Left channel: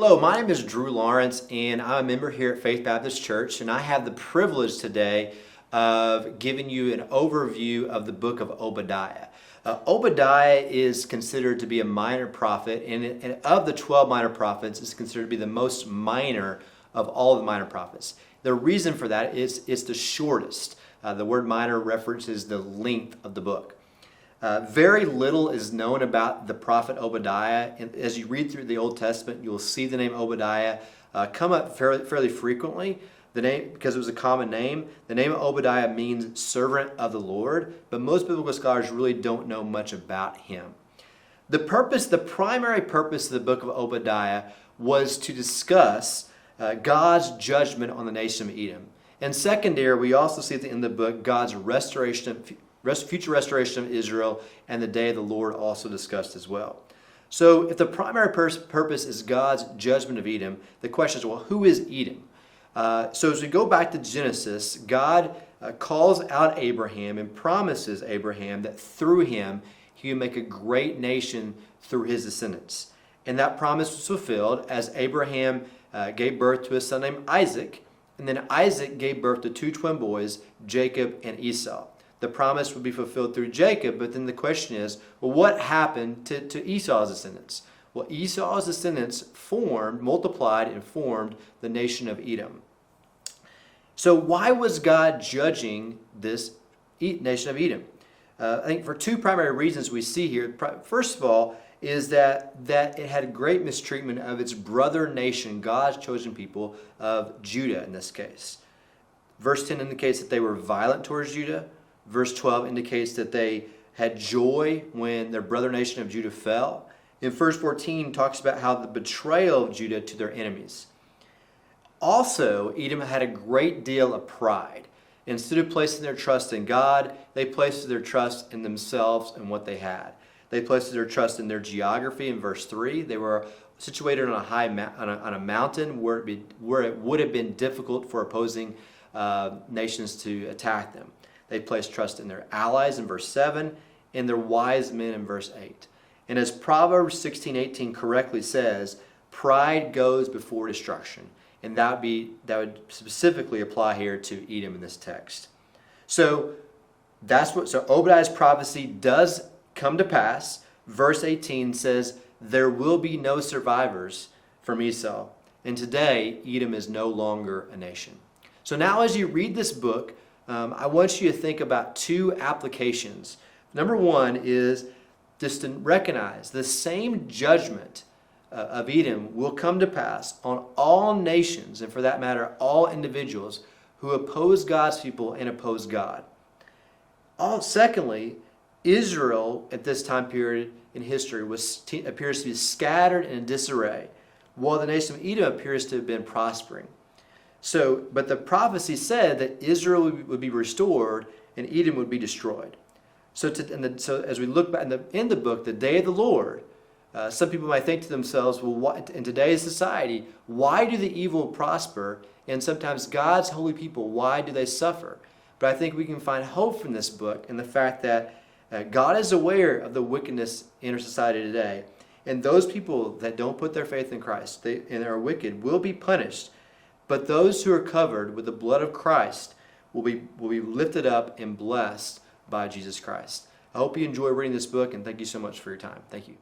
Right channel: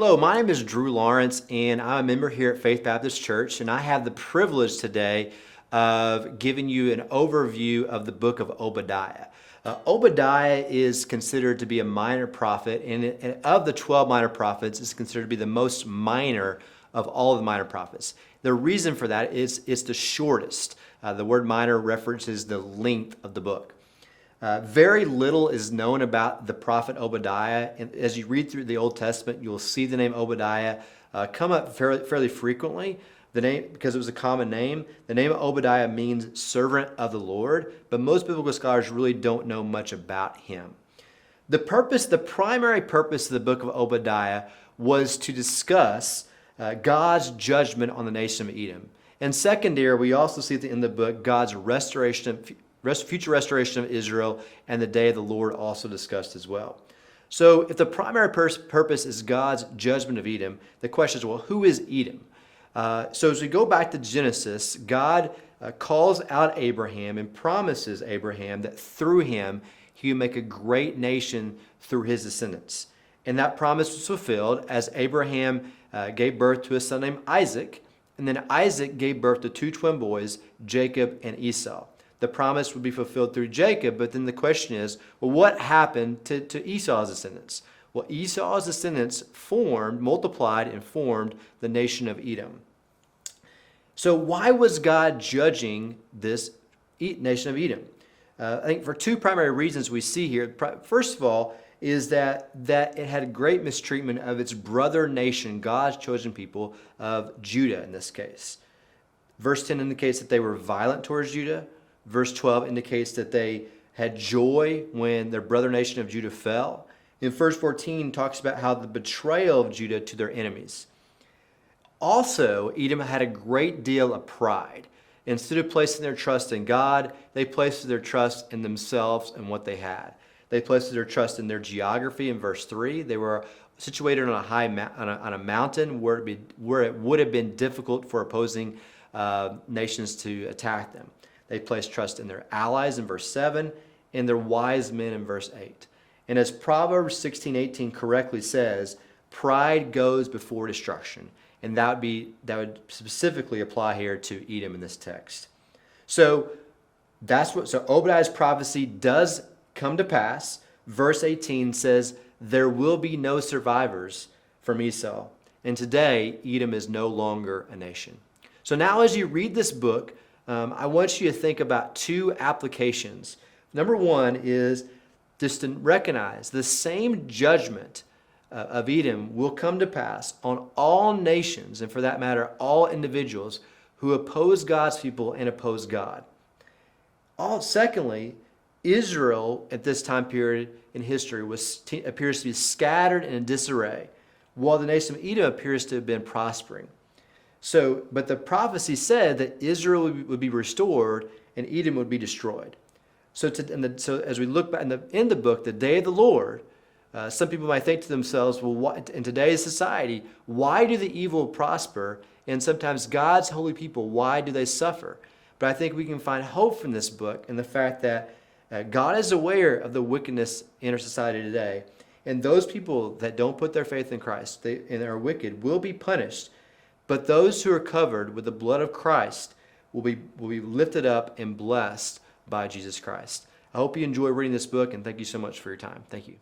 Hello, my name is Drew Lawrence, and I'm a member here at Faith Baptist Church, and I have the privilege today of giving you an overview of the book of Obadiah. Obadiah is considered to be a minor prophet, and of the 12 minor prophets, is considered to be the most minor of all the minor prophets. The reason for that is it's the shortest. The word minor references the length of the book. Very little is known about the prophet Obadiah. And as you read through the Old Testament, you'll see the name Obadiah come up fairly frequently. The name, because it was a common name, the name of Obadiah means servant of the Lord, but most biblical scholars really don't know much about him. The primary purpose of the book of Obadiah was to discuss God's judgment on the nation of Edom. And secondary, we also see at the end of the book God's future restoration of Israel and the day of the Lord also discussed as well. So if the primary purpose is God's judgment of Edom, the question is, well, who is Edom? So as we go back to Genesis, God calls out Abraham and promises Abraham that through him he would make a great nation through his descendants. And that promise was fulfilled as Abraham gave birth to a son named Isaac, and then Isaac gave birth to two twin boys, Jacob and Esau. The promise would be fulfilled through Jacob, but then the question is, well, what happened to Esau's descendants? Well, Esau's descendants multiplied and formed the nation of Edom. So why was God judging this nation of Edom? I think for two primary reasons we see here. First of all, is that it had great mistreatment of its brother nation, God's chosen people of Judah in this case. Verse 10 indicates that they were violent towards Judah. Verse 12 indicates that they had joy when their brother nation of Judah fell. And verse 14 talks about how the betrayal of Judah to their enemies. Also, Edom had a great deal of pride. Instead of placing their trust in God, they placed their trust in themselves and what they had. They placed their trust in their geography in verse 3. They were situated on a mountain where it would have been difficult for opposing nations to attack them. They placed trust in their allies in verse 7 and their wise men in verse 8. And as Proverbs 16:18 correctly says, pride goes before destruction. And that would specifically apply here to Edom in this text. So Obadiah's prophecy does come to pass. Verse 18 says, there will be no survivors from Esau. And today, Edom is no longer a nation. So now as you read this book, I want you to think about two applications. Number one is just to recognize the same judgment of Edom will come to pass on all nations, and for that matter, all individuals who oppose God's people and oppose God. Secondly, Israel at this time period in history appears to be scattered and in disarray, while the nation of Edom appears to have been prospering. But the prophecy said that Israel would be restored and Edom would be destroyed. So as we look back in the book, the day of the Lord, some people might think to themselves, well, in today's society, why do the evil prosper? And sometimes God's holy people, why do they suffer? But I think we can find hope from this book in the fact that God is aware of the wickedness in our society today. And those people that don't put their faith in Christ and are wicked will be punished. But those who are covered with the blood of Christ will be lifted up and blessed by Jesus Christ. I hope you enjoy reading this book, and thank you so much for your time. Thank you.